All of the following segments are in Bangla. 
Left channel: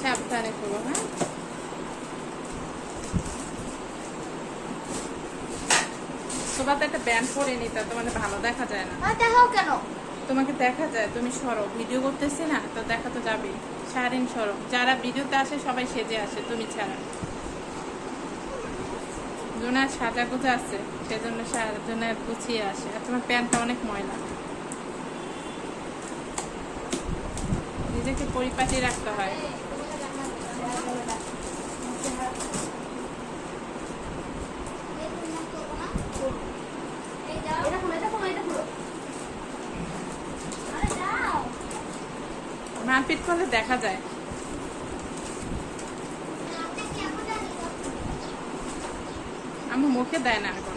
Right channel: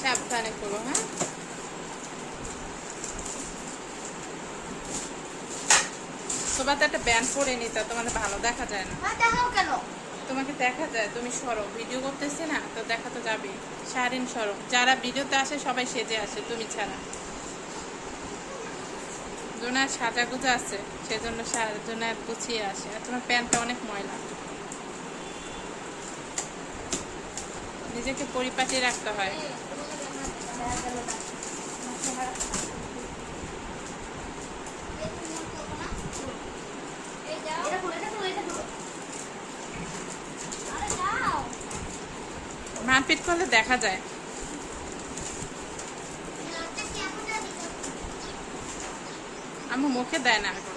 সাবধানে হ্যাঁ তো একটা ব্যান্ড পরে নিতে তোমাদের ভালো দেখা যায় না। আর দেখো কেন? তোমাকে দেখা যায়, তুমি সরো। ভিডিও করতেছি না, তো দেখা তো যাবে সারিন সরো। যারা ভিডিওতে আসে, সবাই সেজে আসে, তুমি ছাড়া। জোনার সাজা গুজা আছে, সেজন্য জোনার গুছিয়ে আসে। আর তোমার প্যান্টটা অনেক ময়লা। নিজেকে পরিপাটি রাখতে হয় এটা খুলো এটা খুলো এটা খুলো আরে যাও মারপিট করলে দেখা যায়। আমি মুখে দেয় না এখন।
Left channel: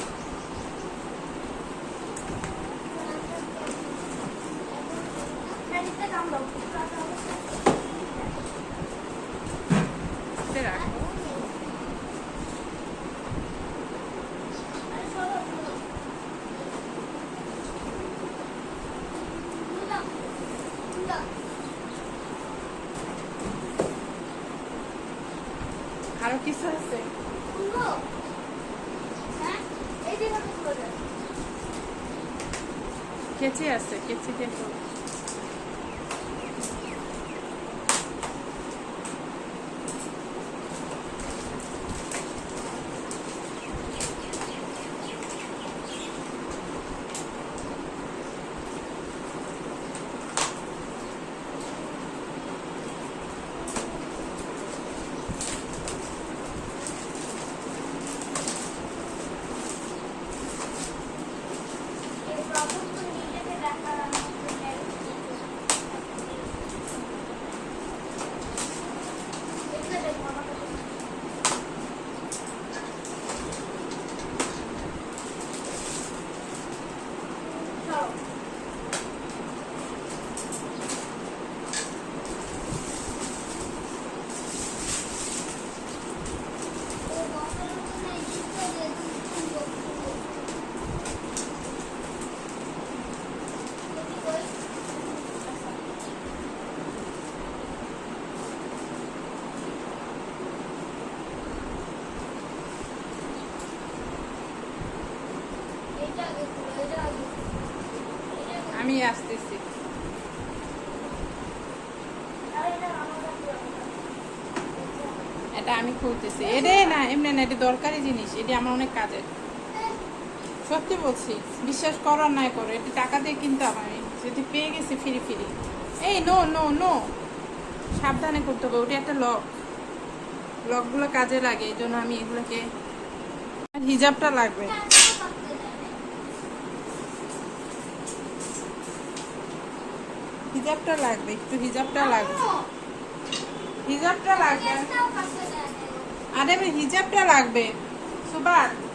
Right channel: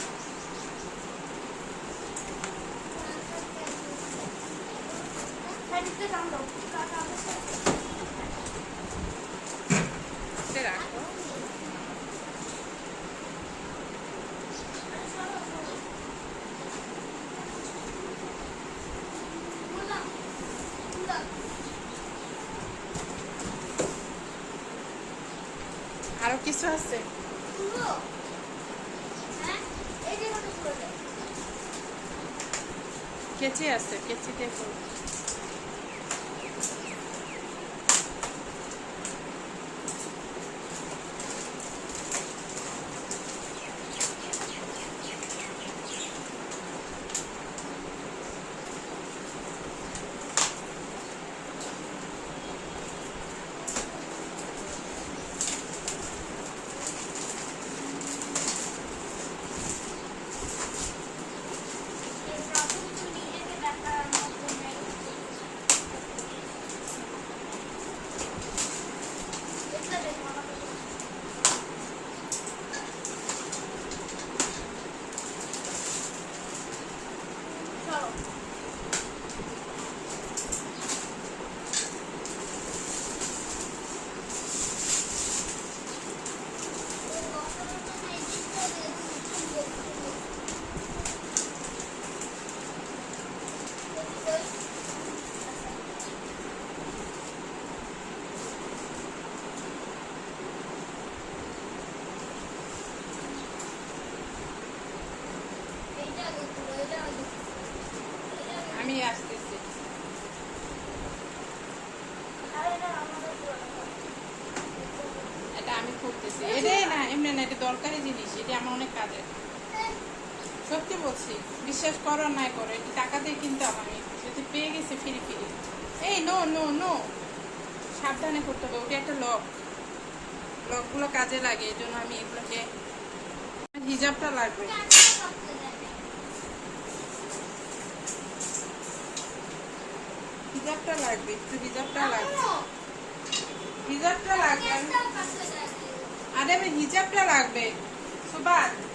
এটা রাখো আরও কিছু আছে? কেচি আছে কেচি দিয়ে আমি আসতেছি এটা আমি খুলতেছি এটাই না এমনি না এটা দরকারি জিনিস এটা আমার অনেক কাজের সত্যি বলছি, বিশ্বাস করো না করো, এটি টাকা দিয়ে কিনতাম আমি। যদি পেয়ে গেছি ফিরি ফিরি। এই নো নো নো সাবধানে করতে হবে, ওটা একটা লক লকগুলো কাজে লাগে, এই জন্য আমি এগুলোকে হিজাবটা লাগবে। হিজাবটা লাগবে, একটু হিজাবটা লাগবে। হিজাবটা লাগবে। আরে, হিজাবটা লাগবে। 一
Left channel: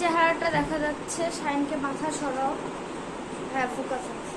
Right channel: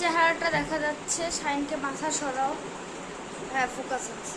চেহারাটা দেখা যাচ্ছে সাইনকে মাথা সরাও হ্যাঁ ফোকাস আছে।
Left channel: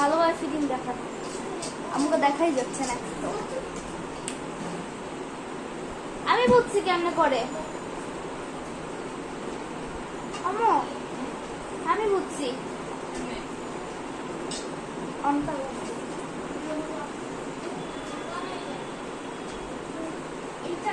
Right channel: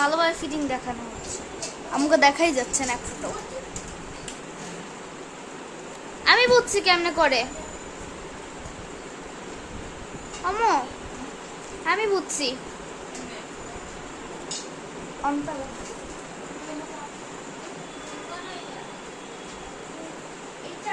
ভালো ভালোভাবে ফিটিং দেখানো আমাকে দেখাই যাচ্ছে না আমি বুঝছি কেমনে করে? আমি বুঝছি এইটা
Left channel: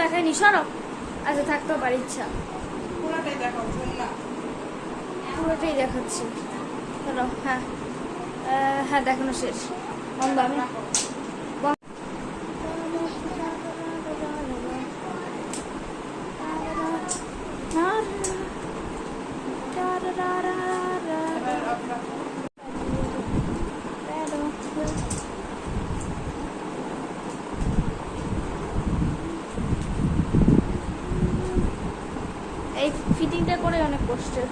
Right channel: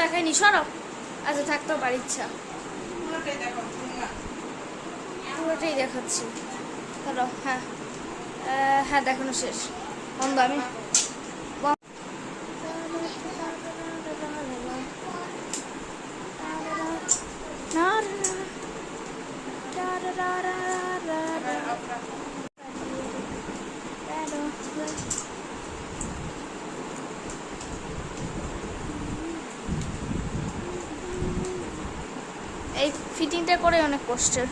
দেখায়নি সরব আচ্ছা থাকতো পার ইচ্ছা। পুরোটাই দেখাচ্ছি। হ্যাঁ। হ্যাঁ দেখানো শেষ। বন্ধ আমি। আসছে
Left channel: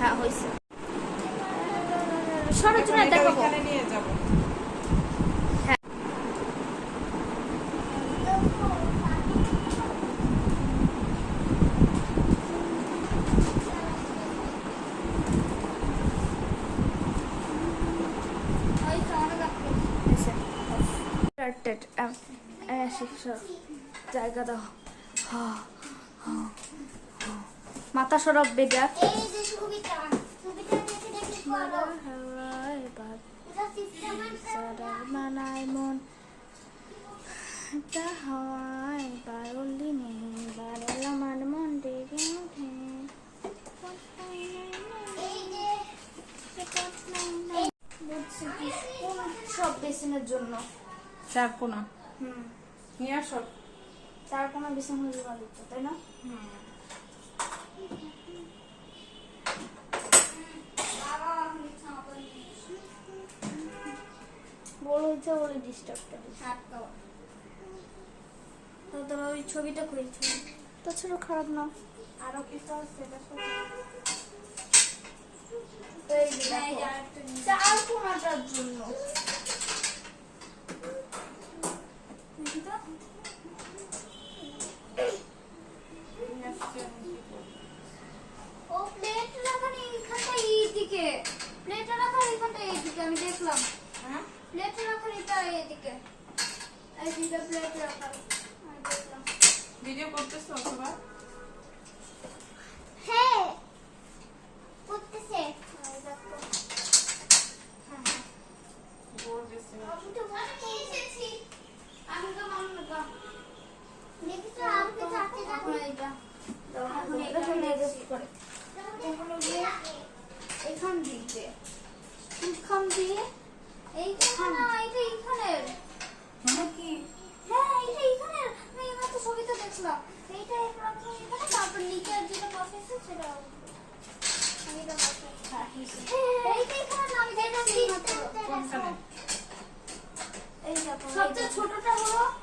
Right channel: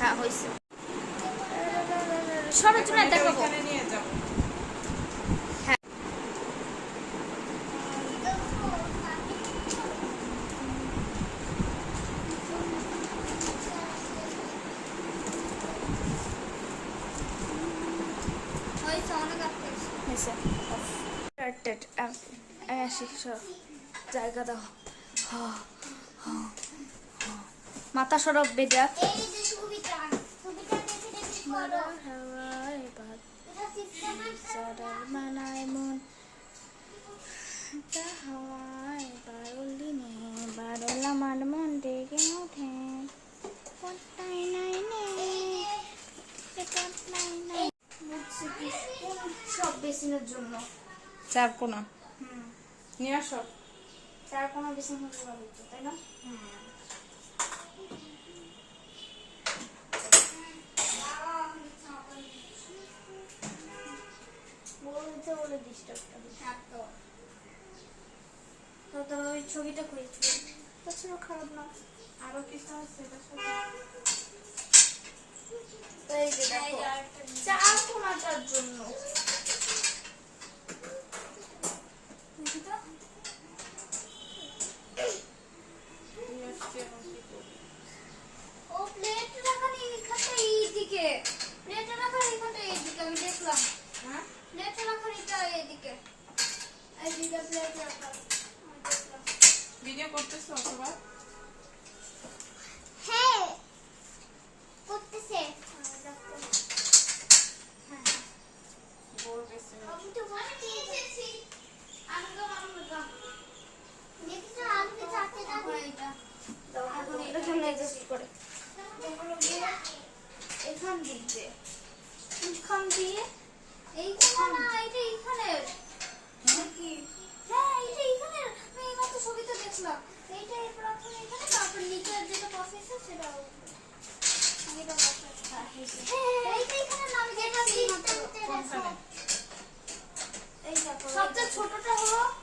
হ্যাঁ হয়েছে সরজনা দেখাবো started. Um, I actually saw. জায়গা দাও। মাথা সরব বেজা হাওয়ায় মন ডেকে সব জন্য চার কোনা হম নিয়ে আসো। তার কোনো বেশি হলুদ পাবে তো তাই না হ্যাঁ তো ওই ছবিটা কই? তো ছিল খারাপ না। আরও কিছু আছে? সেটা সব সবচেয়ে ছোটটা হলো